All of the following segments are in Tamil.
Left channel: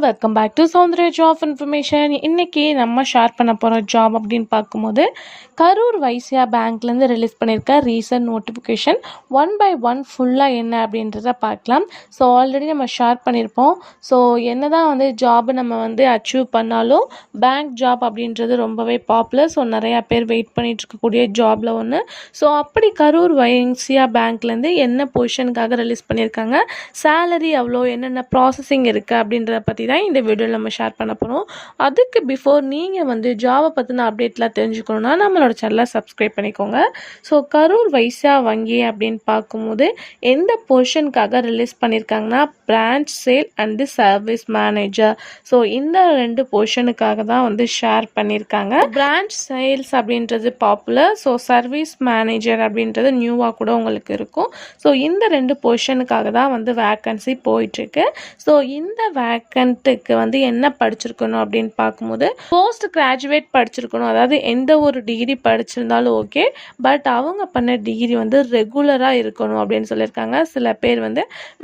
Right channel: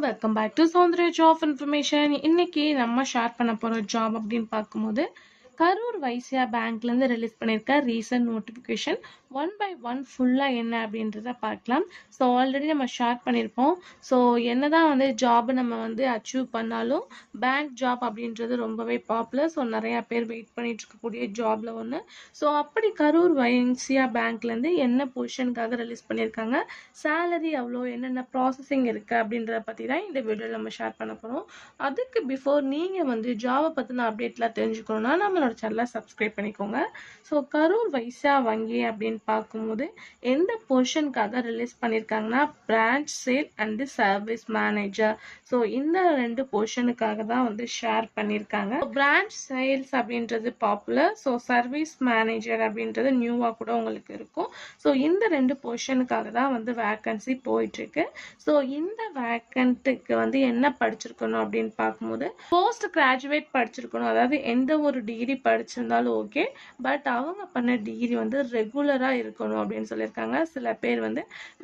Welcome back to Soundarya job information. இன்னைக்கு நம்ம ஷேர் பண்ண போகிற ஜாப் அப்படின்னு பார்க்கும்போது கரூர் வைசியா பேங்க்லேருந்து ரிலீஸ் பண்ணியிருக்க ரீசன்ட் நோட்டிஃபிகேஷன் 1/1 ஃபுல்லாக என்ன அப்படின்றத பார்க்கலாம். ஸோ ஆல்ரெடி நம்ம ஷேர் பண்ணியிருப்போம். ஸோ என்ன தான் ஜாப் நம்ம அச்சீவ் பண்ணாலும் பேங்க் ஜாப் அப்படின்றது ரொம்பவே பாப்புலர். ஸோ நிறையா பேர் வெயிட் பண்ணிட்டு இருக்கக்கூடிய ஜாபில் ஒன்று. ஸோ அப்படி கரூர் வைசியா பேங்க்லேருந்து என்ன பொசிஷனுக்காக ரிலீஸ் பண்ணியிருக்காங்க, சேலரி அவ்வளோ, என்னென்ன ப்ராசஸிங் இருக்குது அப்படின்றத பற்றி தான் இந்த வீடியோவில் நம்ம ஷேர் பண்ண போகிறோம். அதுக்கு பிஃபோர் நீங்கள் ஜாபை பற்றின அப்டேட்லாம் தெரிஞ்சுக்கணுன்னா நம்மளோட சேனலை சப்ஸ்கிரைப் பண்ணிக்கோங்க. ஸோ கரூர் வைசியா வங்கி அப்படின்னு பார்க்கும்போது எந்த பொசிஷனுக்காக ரிலீஸ் பண்ணியிருக்காங்கன்னா branch sale and service manager. So இந்த 2 பொசிஷனுக்காக தான் ஷேர் பண்ணியிருக்காங்க. பிரான்ச் சேல்ஸ் அப்படின்றது பாப்புலர். ஸோ சர்வீஸ் மேனேஜர் அப்படின்றது நியூவாக கூட உங்களுக்கு இருக்கும். ஸோ இந்த 2 பொசிஷனுக்காக தான் வேக்கன்சி போயிட்டுருக்கு. ஸோ இந்த வேக்கன்ட்டுக்கு என்ன படிச்சிருக்கணும் அப்படின்னு பார்க்கும்போது போஸ்ட் கிராஜுவேட் படிச்சிருக்கணும். அதாவது எந்த ஒரு டிகிரி படிச்சிருந்தாலும் ஓகே, பட் அவங்க பண்ண டிகிரி ரெகுலராக இருக்கணும் அப்படின்னு சொல்லியிருக்காங்க. சில பேர்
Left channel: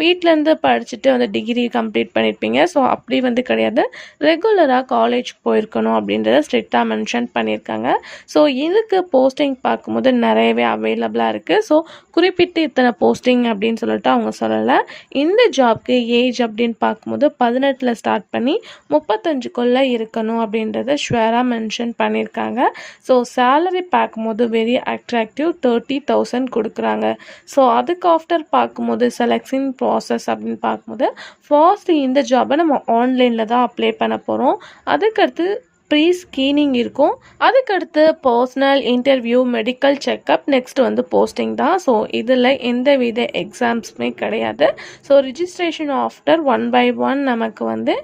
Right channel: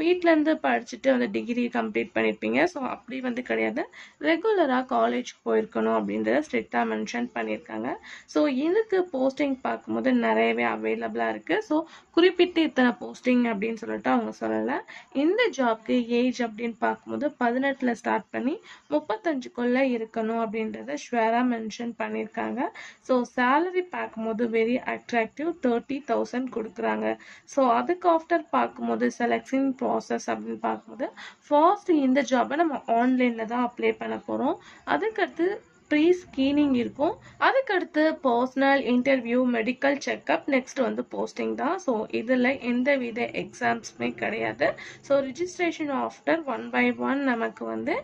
வீட்டிலேருந்து படிச்சுட்டு டிகிரி கம்ப்ளீட் பண்ணியிருப்பீங்க. ஸோ அப்படி கிடையாது, ரெகுலராக காலேஜ் போயிருக்கணும் அப்படின்றத ஸ்ட்ரிக்டாக மென்ஷன் பண்ணியிருக்காங்க. ஸோ இதுக்கு போஸ்டிங் பார்க்கும்போது நிறையவே அவைலபிளாக இருக்குது. ஸோ குறிப்பிட்டு இத்தனை போஸ்டிங் அப்படின்னு சொல்லிட்டு அவங்க சொல்லலை. இந்த ஜாப்க்கு ஏஜ் அப்படின்னு பார்க்கும்போது 18 ஸ்டார்ட் பண்ணி 35 இருக்கணும் அப்படின்றத ஷுவராக மென்ஷன் பண்ணியிருக்காங்க. ஸோ சேலரி பார்க்கும்போது வெரி அட்ராக்டிவ் 30,000 கொடுக்குறாங்க. ஸோ அதுக்கு ஆஃப்டர் பார்க்கும்போது செலக்ஷன் ப்ராசஸ் அப்படின்னு பார்க்கும்போது ஃபர்ஸ்ட் இந்த ஜாபை நம்ம ஆன்லைனில் தான் அப்ளை பண்ண போகிறோம். அதுக்கடுத்து ப்ரீ ஸ்கீனிங் இருக்கும். அதுக்கடுத்து personal interview, medical checkup, next posting தான். ஸோ இதில் எந்த வித எக்ஸாம்ஸுமே கிடையாது. ஸோ ரிஜிஸ்ட்ரேஷன் ஆஃப்டர் 1/1 நமக்கு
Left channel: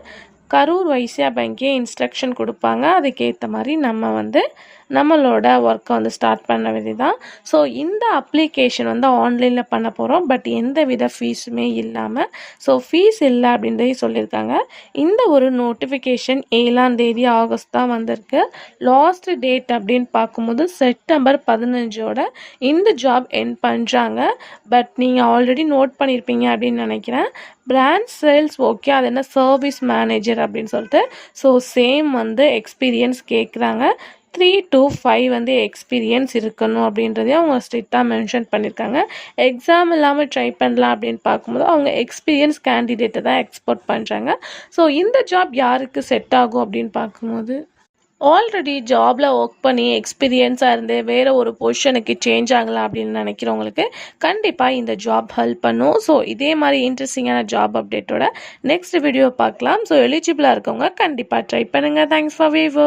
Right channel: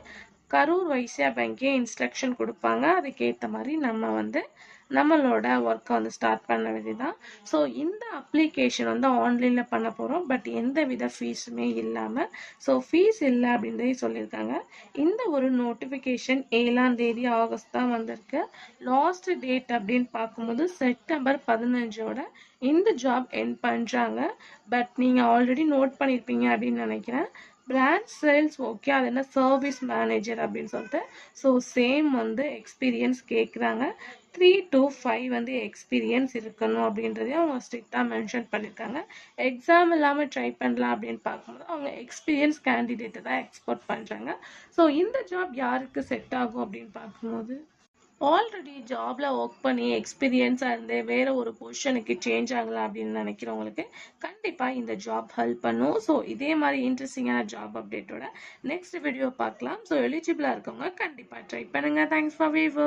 கரூர் வைசியா பேங்கே இன்ஸ்ட்ரக்ஷன் கொடுப்பாங்க. அதுக்கேற்ற மாதிரி நம்ம நம்மளோட ஒர்க்கை ஸ்டார்ட் பண்ண வேண்டியதான். ஸோ இந்த அப்ளிகேஷன் ஆன்லைனில் பண்ண போகிறோம். பட் எந்த வித ஃபீஸுமே இல்லாமல். ஸோ ஃபீஸ் இல்லை அப்படின்றதே சொல்லியிருக்காங்க. இந்த ஒரு நோட்டிஃபிகேஷன் 7 ஆகஸ்ட் தான் வந்திருக்கு. லாஸ்ட் டேட் அப்படின்னு பார்க்கும்போது செப்டம்பர் 15 இந்த ஜாப் எண்ட் பண்ணுறாங்க. பட் நீங்கள் ஆல்ரெடி நோட் பண்ணியிருப்பீங்க அப்படின்னு நினைக்கிறேன். பிரான்ச் சேல்ஸ் ஓகே, அது என்ன சர்வீஸ் மேனேஜர் அப்படின்னு சொல்லிட்டு. ஸோ சேம் எக்ஸ்பீரியன்ஸ் கேட்குறாங்க. 3 to 5 எக்ஸ்பீரியன்ஸ் இருக்கணும் அப்படின்றதையும் அவங்க ஸ்ட்ரிக்டாக மென்ஷன் பண்ணியிருக்காங்க. எக்ஸாம் இல்லாமல் ட்ரை பண்ணலாம் அப்படின்னு பார்க்கும்போது அவங்க எக்ஸ்பீரியன்ஸ் கேண்டிடேட்டை தான் எக்ஸ்போர்ட் பண்ணுறாங்க. ஸோ இந்த ஜாப் யாருக்கு செட் ஆகும் அப்படின்னு பார்க்கும்போது ஆல்ரெடி ஜாபில் ஒர்க் பண்ணி எக்ஸ்பீரியன்ஸாக இருந்து வேறு ஒரு பொசிஷனுக்கு சேஞ்ச் ஆகலாம் அப்படின்னு நினைக்கிறவங்களுக்கு கண்டிப்பாக இந்த ஜாப் ஹெல்ப் பண்ணும். ஸோ இதே மாதிரி இன்ட்ரெஸ்டிங்கான ஜாப் அப்டேட்டோட நெக்ஸ்ட் வீடியோ பார்க்கலாம். ஸோ எலிஜிபிளாக இருக்கவங்க கண்டிப்பாக ட்ரை பண்ணுங்கள். Thanks for view.